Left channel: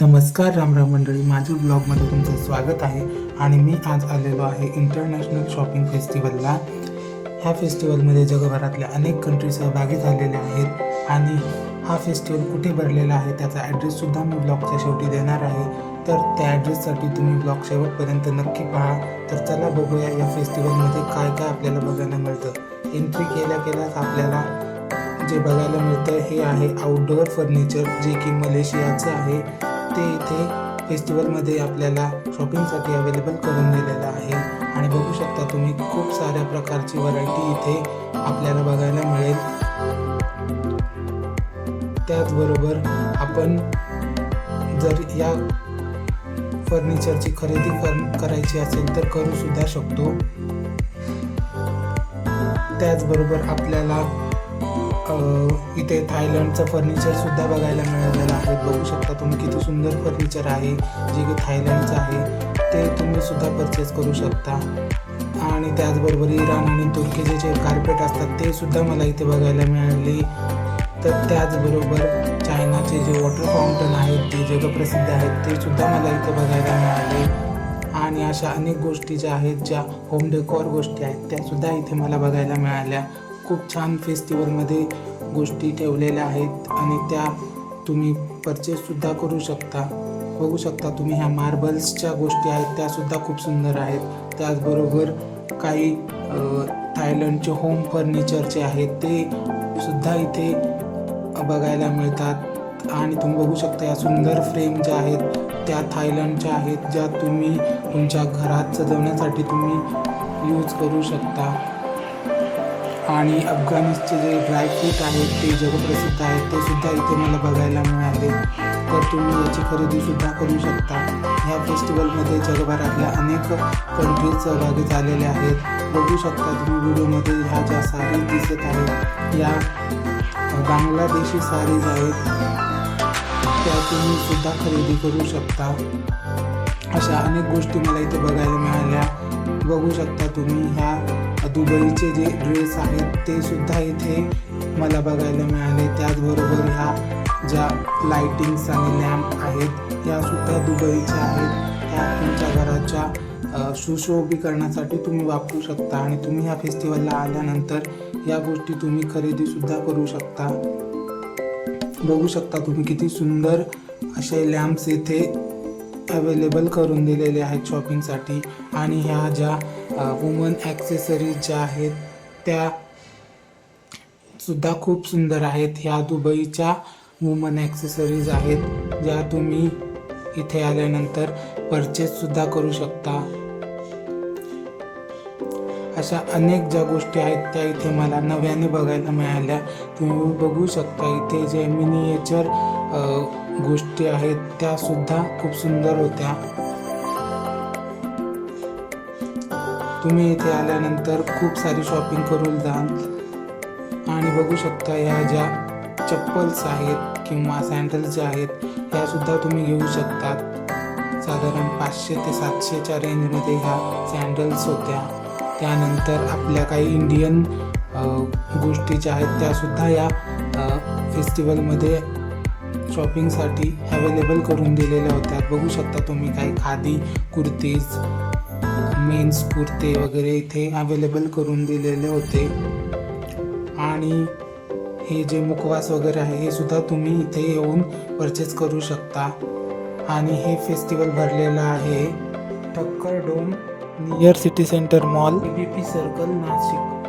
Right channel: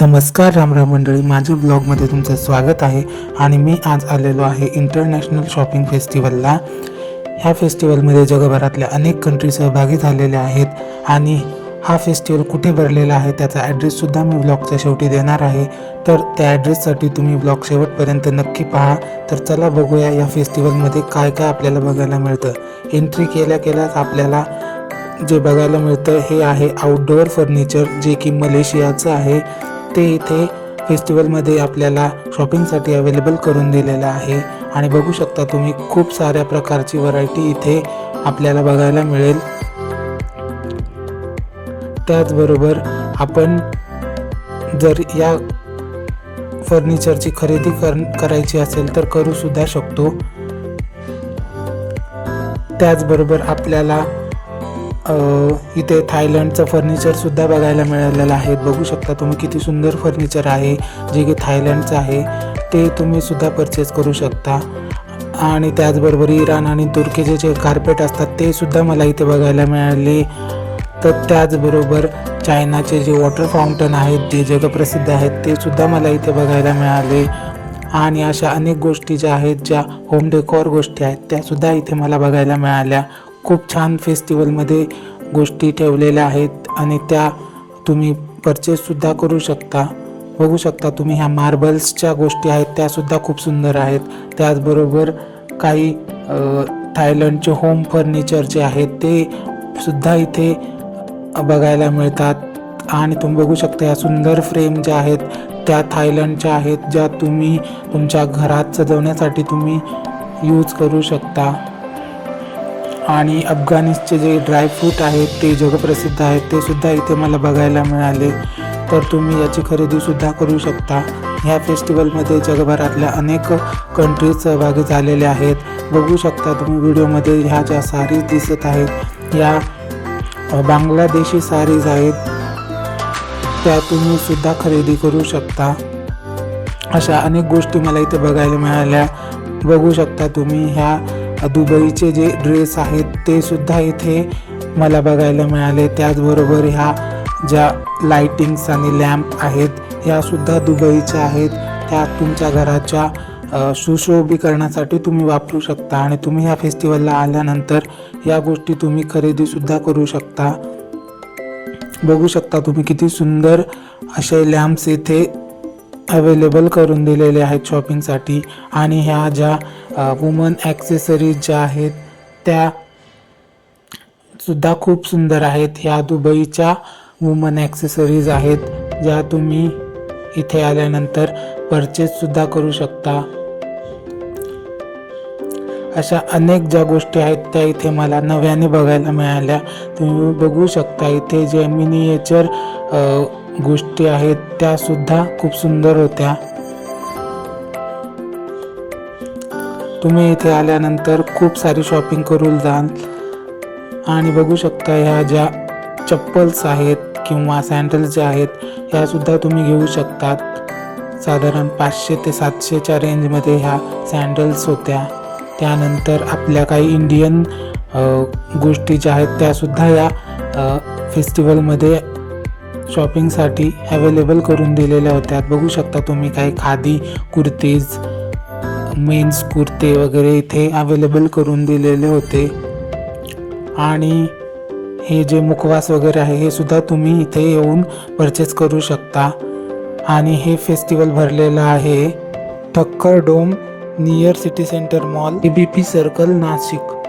नमस्कार रामराम मंडळी माझ्या ब्लॉगमध्ये तुमचं स्वागत आहे आणि मी आज आलेलो आहे इंटरनॅशनल शॉपिंग फेस्टिवलला. ह्या फेस्टिवलमध्ये जगभरातल्या अनेक कंट्री सहभागी झालेले आहेत आणि हा फेस्टिवल कुठे भरलेला आहे त्याचा ॲड्रेससुद्धा मी ब्लॉगच्या शेवटी देणार आहे. तर त्या ॲड्रेससाठी तुम्ही ब्लॉग शेवटपर्यंत नक्की पहा. तर चला बघूया या फेस्टिवलमध्ये काय काय आपल्याला बघायला मिळतं. एंट्री केल्या केल्याच आपल्याला जे बघायला मिळतं हे आहे आउटडोअर फर्निचर जे की मलेशियाचं आहे. ते इथे फेस्टिवलमध्ये आपल्याला शॉपिंगसाठी अवेलेबल करून दिलेलं आहे. आणि बघू शकता तुम्ही खूप साऱ्या प्रकारची व्हरायटी इथे आपल्याला बघायला मिळेल. त्याचबरोबर आपण जर या फर्निचरची खरेदी कर करायची असेल तर करू सुद्धा शकतो. त्याचबरोबर आपल्याला इथे थायलंडचं फर्निचरसुद्धा बघायला मिळालेलं आहे. बघू शकता तुम्ही किती सुंदर फर्निचर आहे जे की थायलंडचं आहे. ते तुम्ही सुद्धा परचेस करू शकता. आणि त्याचबरोबर इराण आणि तुर्कीचे जे कार्पेट असतात ते सुद्धा मला इथे बघायला मिळाले. तर त्याचबरोबर चायनाचे जे वॉटर फाउंटन आहेत जे जगप्रसिद्ध आहेत ते सुद्धा मला इथे बघायला मिळाले. आणि अशा अनेक गोष्टी ज्या आहेत ज्या होम डेकॉर गोष्टी आहेत त्यासुद्धा इथे मला बघायला मिळाल्या. खूप छान फेस्टिवलमध्ये गोष्टी ठेवलेल्या आहेत आणि त्या तुम्ही परचेससुद्धा करू शकता. बघू शकता तुम्ही ह्या मार्बल्सच्या गोष्टी आहेत त्यासुद्धा खूप सुंदर आहेत. त्याचबरोबर काही थायलंडचे होम फर्निचर जे आहेत ते सुद्धा इथे बघायला मिळतात. आणि तुम्ही बघू शकता या सुंदर फ्रेम ज्या आहेत त्या थायलंडच्या आहेत ज्या तुम्ही तुमच्या घरात सजवण्यासाठी तुम्ही यूज करू शकता. आणि अफगाणिस्तचे जे ड्रायफ्रूट आहेत ते जगप्रसिद्ध आहेत ते सुद्धा इथे मला बघायला मिळाले. तर तुम्ही याची खरेदीसुद्धा करू शकता. ह्या फेस्टिवलमध्ये जगभरातल्या अनेक कंट्रीज सहभागी झालेले आहेत. बघू शकता तुम्ही व्हिडिओमध्ये ह्या ज्या सारीज दिसत आहेत या बांगलादेशी सारीज आहेत त्या तुम्ही सुद्धा खरेदी करू शकता. अशा अनेक गोष्टी मला इथे बघायला मिळाल्या. बघू शकता तुम्ही ह्या दुबईचे जे ड्रेस आहेत ते सुद्धा इथे मला बघायला मिळाले. त्याचबरोबर ह्या ज्या लाइटिंग्स आणि लॅम्प आहेत ह्या सुद्धा दुबईच्या आहेत. त्या तुमच्या घराच्या सुशोभीकरणासाठी तुम्ही वापरू शकता. आणि तुम्ही ह्या फेस्टिवलला आल्यानंतर या गोष्टी तुम्ही खरेदीसुद्धा करू शकता. बघू शकता तुम्ही किती सुंदर असे लॅम्प्स येथे अवेलेबल करून दिलेले आहेत शॉपिंगसाठी आणि ह्या ज्या वुमन ॲक्सेसरीज ज्या आहेत त्या सुद्धा खूप सुंदर आहेत. ह्या दुबईच्या वुमन ॲक्सेसरीज आहेत ज्या तुम्ही इथे आल्यानंतर परचेससुद्धा करू शकता. अशा अनेक ज्या गोष्टी आहेत त्या इथे मला नव्याने बघायला मिळाल्या. तुम्ही बघू शकता इथे जे मिनिएचर गोष्टी आहेत त्या सुद्धा खूप सुंदर होत्या. तुम्ही इथे आल्यानंतर खूप सारी शॉपिंग करून जाल. आणि बघू शकता ह्या ज्या चप्पल्स आहेत किंवा सँडल्स ज्या आहेत ह्या सुद्धा तुम्ही घेऊ शकतात. साधारण पाचशे ते सातशेच्या रेंजमध्ये ह्या सँडल्स होत्या. त्यानंतर आपल्या काही इंडियन गोष्टी ज्या आहेत त्यासुद्धा या फेस्टिवलमध्ये शॉपिंगसाठी अवेलेबल करून दिलेल्या होत्या. बघू शकता तुम्ही काही खादी कुर्तीज मेन्स कुर्ते वगैरे इथे अवेलेबल करून दिलेले होते. आणि हे जे मुखवास वगैरे आहे हे सुद्धा तुम्ही इथे येऊन परचेस करू शकता. आणि हे फेस्टिवल भरलेलं आहे. Thakkar dome near city center mall A B P circle Nashik.